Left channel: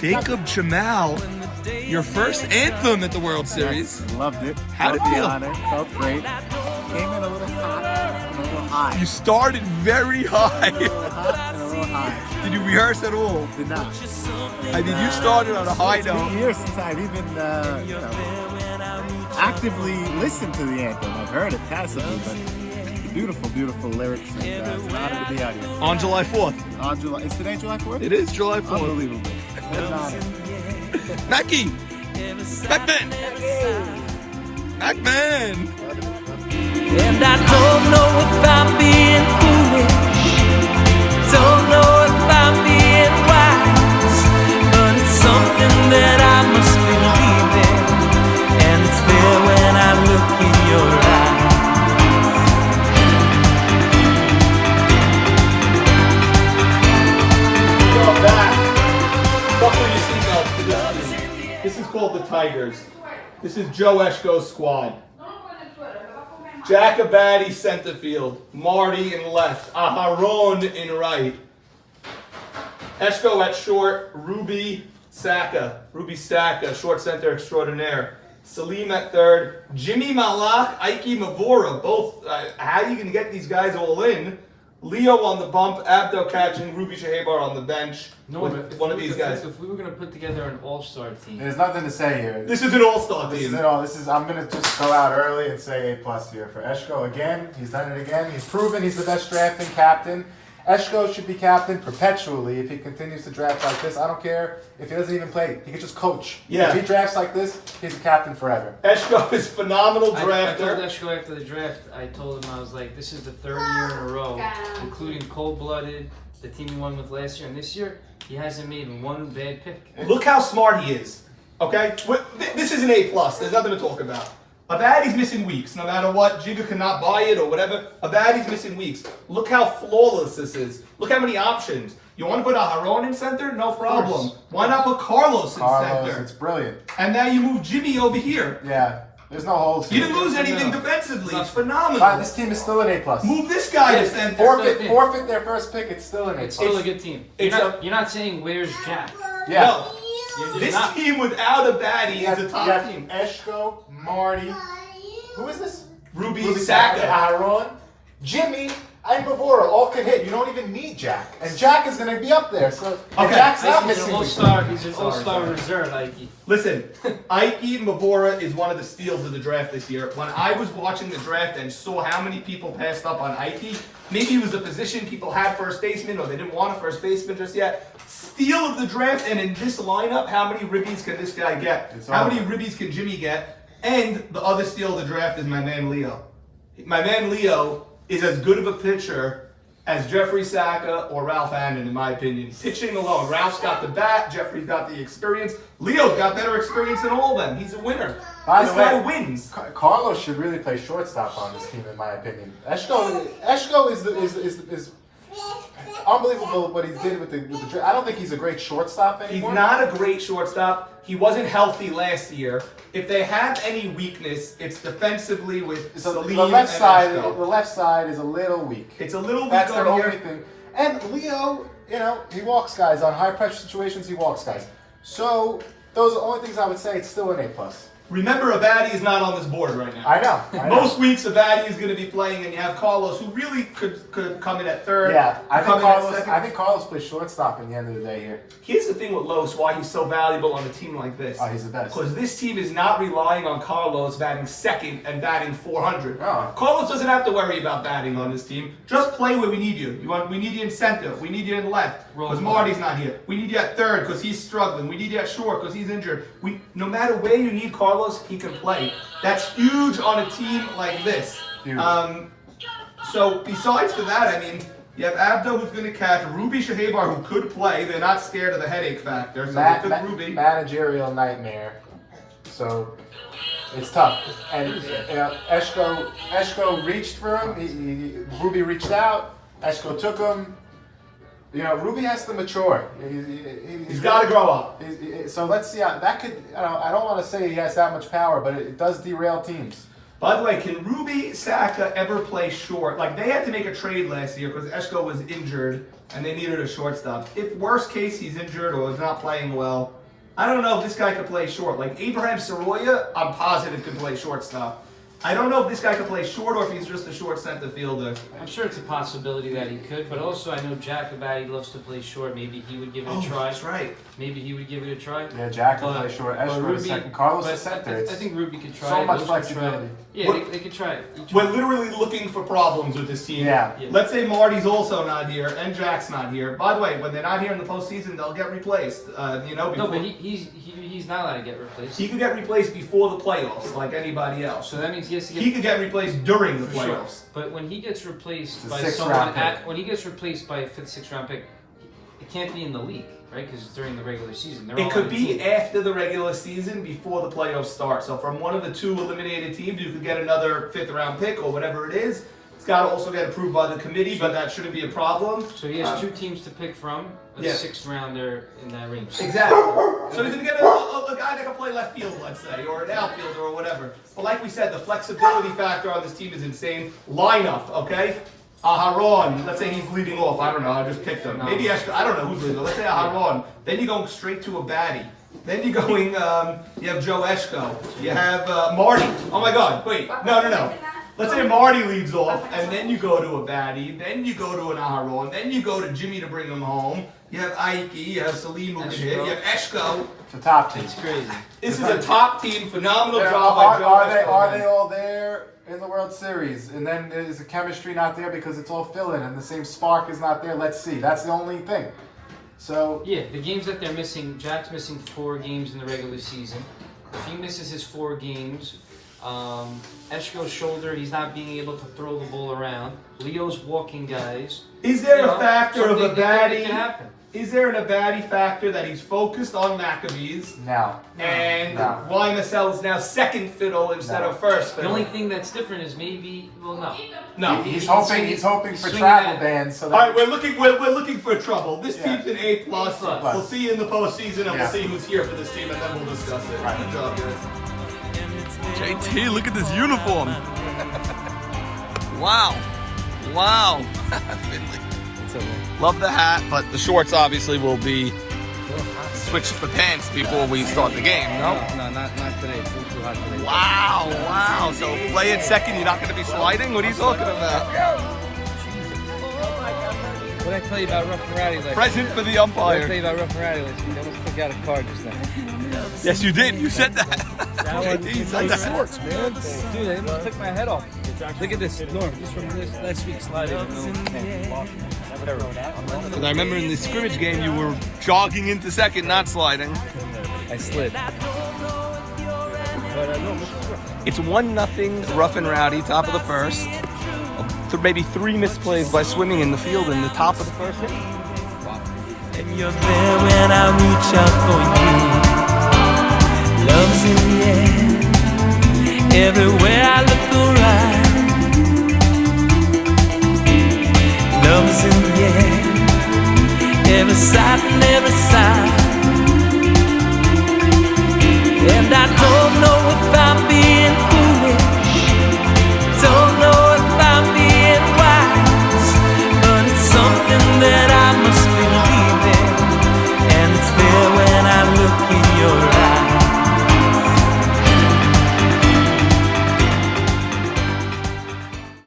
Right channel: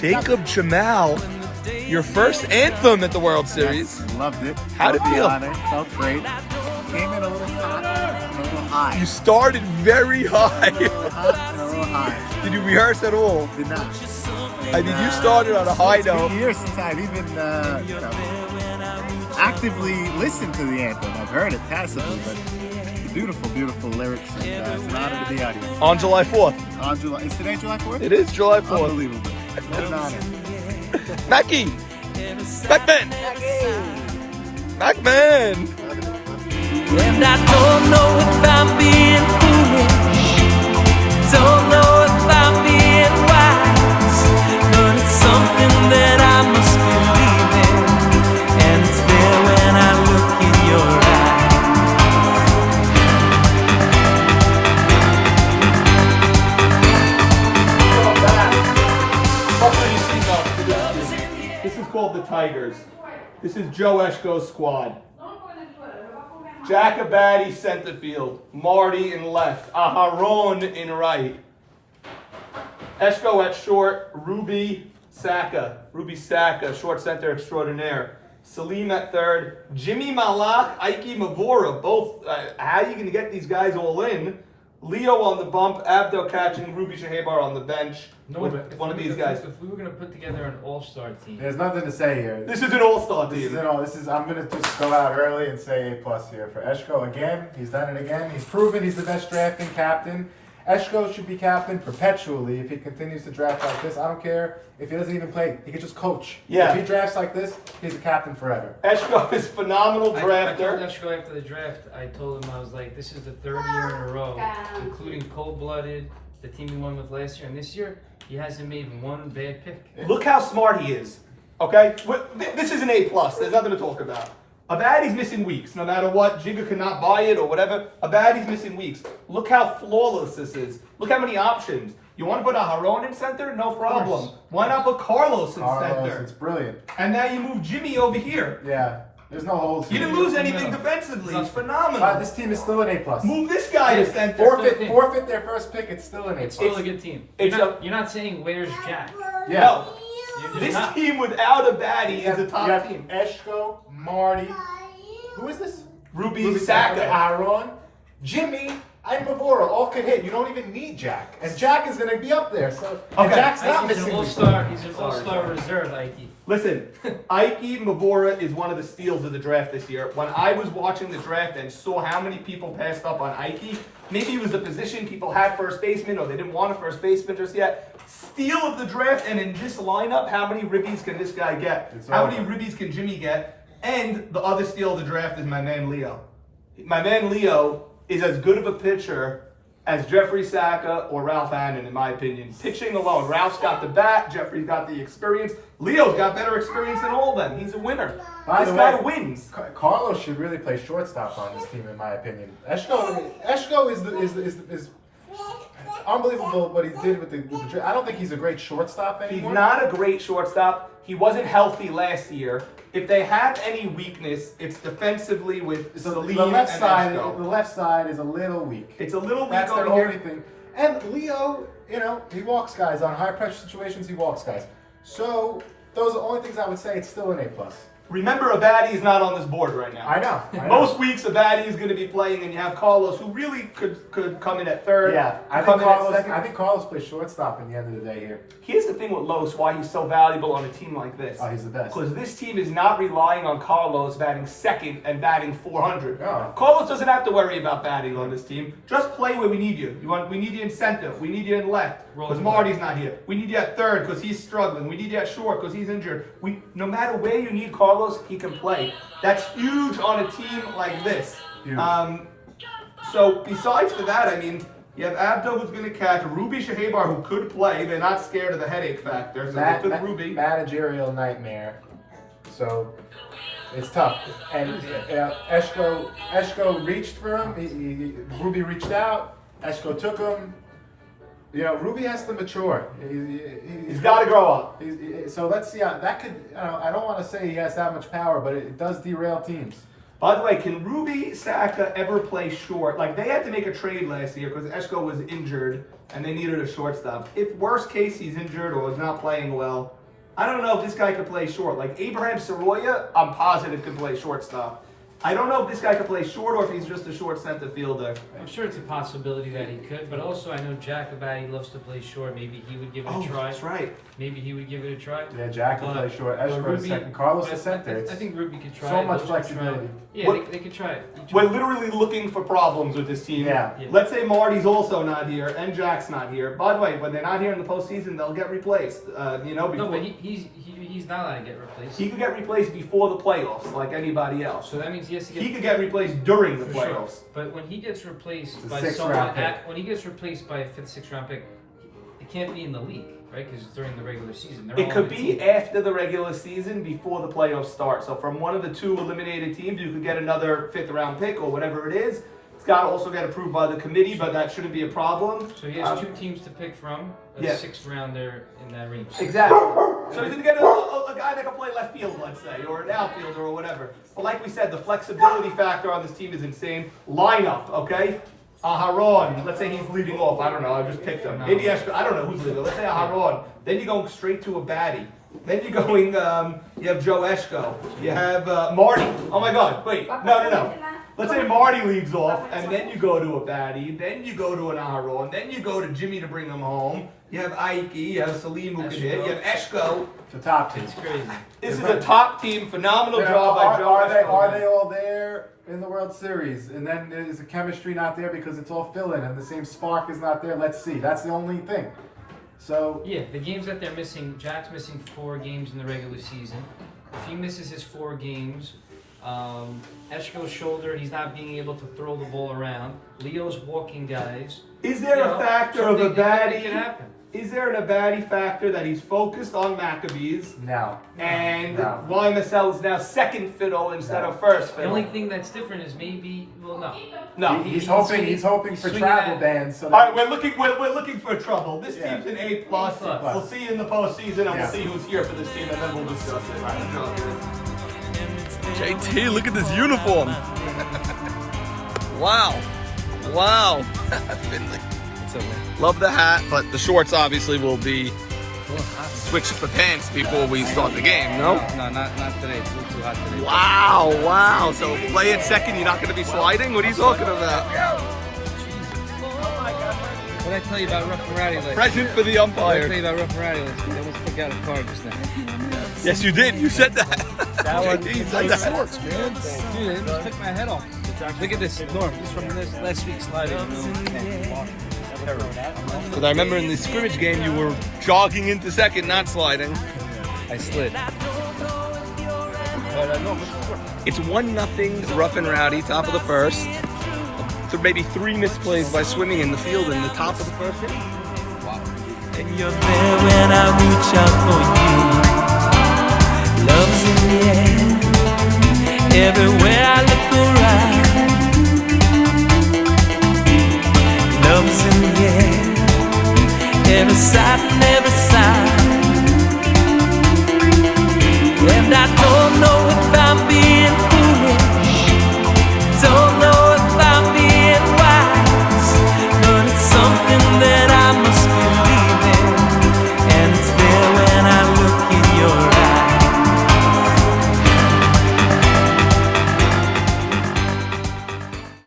Jacob Jamal, your first anthem at the World Series. Loved it. How'd it feel? It felt great. Came in a little hot, a little high. You started very high. A little hot and a little high. Did you rehearse at all? Did not. I mean, you started on a high It's been note. years since I've even, actively listened to the anthem. I've heard it passively, but beautiful, beautiful lyrics. And it's an honor to be out here. On July 4th. Is today July 4th? It is July 4th. Unbelievable. What an honor. Mackie! Macman! Macman! And I don't know if I'm being foolish, don't know if I'm being wise, but it's something that I must believe in, and it's there when I look in your eyes. This is called the Tigers. This is Joe Eshko's squad. Jack Abadi center field, Marty in left, Aharon in right, Eshko at short, Ruby Saka, short center extraordinaire, Salim at third, Jimmy Malach, Ike Mavora, both. How are you going to get these guys all in? Leo on the bump, Abdo catching, Ruby Shahebar on the bench. No, with but one of these guys. If we were going to put together an all-star team, There's nothing to say here. This is an all-star This team. is it all. I'm gonna just go out early and say A+ here for Eshko again. He's done it again. He's proven he's the best drafting captain. Eshko should be captain perpetually if he continues to draft like this. I don't care if he doesn't even play. He could just coach. Yeah. If he drafts like this, he's a captain forever. Eshko is phenomenal I told drafter. Eshko after the draft, I told him, I was like, this is the third year in a row, including cold-blooded, the team he won with last year, and this year, he hasn't made one bad pick. Look how smart he is. Okay? This is an A+. There's nothing to talk about. Abadi's missing weeks. No matter what, Jigga cannot buy it or whatever. Abadi's missing weeks. Look how flawless this is. Look how many options. You want to put Aharon in center? No problem. Why not put Carlos in center? It's brilliant. And now you move Jimmy over here. Yeah. There's no holes. You didn't lose anything No. defensively. It's But phenomenal. this team is still an A+. Move this guy to center. Forfeit their first pick. It's still an A+. It's still a good team. You're not saying, where's Jack? Yeah. No. You're just This not. team without Abadi is a top team. Eshko, Marty. Who is this? Ruby Saka. Aaron, Jimmy, and Bavora all can hit. You don't even need Jack. And Jack is going to be up there. So and Okay. Jack's not He's missing an weeks. all-star. He's an all-star reserve, Ike. Listen, Ike Mavora is one of the steals of the draft this year. When I was watching the draft and saw how many people passed up on Ike, maybe it was the position people had first baseman or they didn't want a first baseman just yet. Steal of the draft, and in this lineup, how many ribbies can this guy get? How many ribbies can Jimmy get? And the other steal of the draft is my man Leo. My man Leo is as good of a pitcher as Jeffrey Saka or Ralph Hannon, in my opinion. Pitching alone. Ralph's got the bat, Jeffrey's got the experience. Leo's got better experience than all of them. He's a winner. By This the guy way, wins. Carlos should really play shortstop on this team, in my opinion. Eshko is unbelievable what he did with the draft. I don't think he's a great shortstop He's anymore. not a great shortstop. He wasn't healthy last year. If they have any weakness, it's defensively with So Salim the left and side, Eshko. the left side is a little weak. It's a little weak That's their over only here. thing. And Leo, he walks guys on high pressure situations. He walks guys. So those are the only things I would say. It's still an A+. Remember, Abadi is not on this board right now. I know. Most weeks, Abadi is going to be playing, and you have Carlos, who really could come in at third. Yeah, I come think in at Carlos. second. I think Carlos plays shortstop in the end of the day here. Here's the thing with Los, why he's so valuable on a team like this. Oh, he's the best. Because this team is not relying on Carlos batting second and batting 400. No. Carlos doesn't have to worry about batting on this team. Just play where we need you. We need you in center. We need you in left because Marty's not here. We need you at third because he's struggling. We need you at short because he's injured. No matter where you need Carlos, he can play. That's huge on a team like this. Huge. So besides for that, I mean, you have Abdo who's going to catch, Ruby Shahebar who could play. They're not scared of the headache factor, so they took Ruby. Managerial nightmare. So it's tough. And Eshko reached for him. Ruby reached out. Eshko took him. Ruby has to mature. He's got to grow up. So let's see. That could. I don't want to say he has that much power, but it does derail teams. By the way, can Ruby Saka ever play short? Like, they had to make a trade last year because Eshko was injured and they needed a shortstop. If worst case he's injured or is not playing well, I don't know if this guy could play short. Like, Abraham Soroya, I'm positive can play shortstop. I don't know if this guy could play short or if he's just a short center fielder. I'm sure it's a possibility that he could, but also I know Jack Abadi loves to play short. Maybe he would give it a try. That's right. Maybe he would give it a try. Yeah, Jack can play short. Eshko is second. Carlos but is center. I think Ruby could try so it. much Those could flexibility. try it. Yeah, they could try it. We're literally looking for problems with this team. Yeah. Let's say Marty's also not here and Jack's not here. By the way, when they're not here in the postseason, they'll get replaced. You know, before, No, but he's not allowed to get replaced. he could get replaced before the playoffs, like anybody else. So that means he has to get. He could get replaced during the For sure. playoffs. But when he gets replaced It's a by sixth someone, round pick. when he gets replaced by a 5th, 6th round pick, it can't be in the league, right? Because it's during the regular season. They're It all could on the be team. after the regular season, before the playoffs start. So from one of the 2 eliminated teams, you could get another 5th round pick or whatever it is. It's got to also get approved by the committee, but that shouldn't be a problem. So he has 2 teams to pick from. A yeah. 6th rounder in that range. Exactly. So he's going to get a guy that can play left field, let's say, or an outfielder or whatever. But like we said, the flexibility factor on this team is insane. Lineup, okay? Aharon, let's say he's leading off. I don't know. I just picked him. Maybe Eshko. I don't know who's leading off. Let's say Aharon. Then you're going straight to a baddie. Then you're going, you have Joe Eshko. You have Marty. Oh my God. Wait. No. Let's say Marty leads off, and then you go to a baddie. Then you go to an Aharon. Then you go to Jimmy to bring him home. You have Ike. You have Salim who can hit. You have Eshko. It's a top team. It's crazy. This is a top team. Phenomenal Yeah, job by Joe Eshko. are they all there in the World Series? And then is the chemistry not there because it's all fill-in and the same spark is not there? Let's see. That's the only thing. So Yeah, the games that they're missing, Jack's missing 4 games in the regular season. If he misses his 4 games, Eshko's shoulder, he's not being able to throw the ball around. Leo's walking guys. Is there You a know, factor of a something that can baddie? happen. Is there an Abadi factor that he's focused on Maccabees now. and No. Ryan Massell is now second fiddle instead No. of first The fiddle? only thing that's different is maybe, well, no. No. He's swinging- hoping for swinging travel that- bans. So All that right, we're looking for trouble. This Yeah. team's an A+. A+. We'll see you in the postseason and Yeah. we'll see who's here for this team and then we'll discuss it. Good job, guys. JT, look at this uniform. Wow. Wow. Finley. Love the hat, but the shorts obviously will be switched for pants before we start the game, no? No, not today. It's a little too hot today. Wow. So play it second, you're not going to be sliding? What are you talking about? What did I tell you about Rough and Rowdy? Present for the What did I tell umpire. you about Rough and Rowdy? I just took out a card just now. Yes, you did. You said that. You said that. Dude, I took my head off. Look at this, Norm. This from this last week's slider. Because I remember in the scrimmage game, you were jogging into second, not sliding. I slid. It's 1-0 Rough and Rowdy, top of the first. So maybe 3 misplays by swimming in the field in the top of the first inning. And you're there when I reach out for you. Love's in the air, everywhere I look around. Love's in the air, every sight and every sound. And I don't know if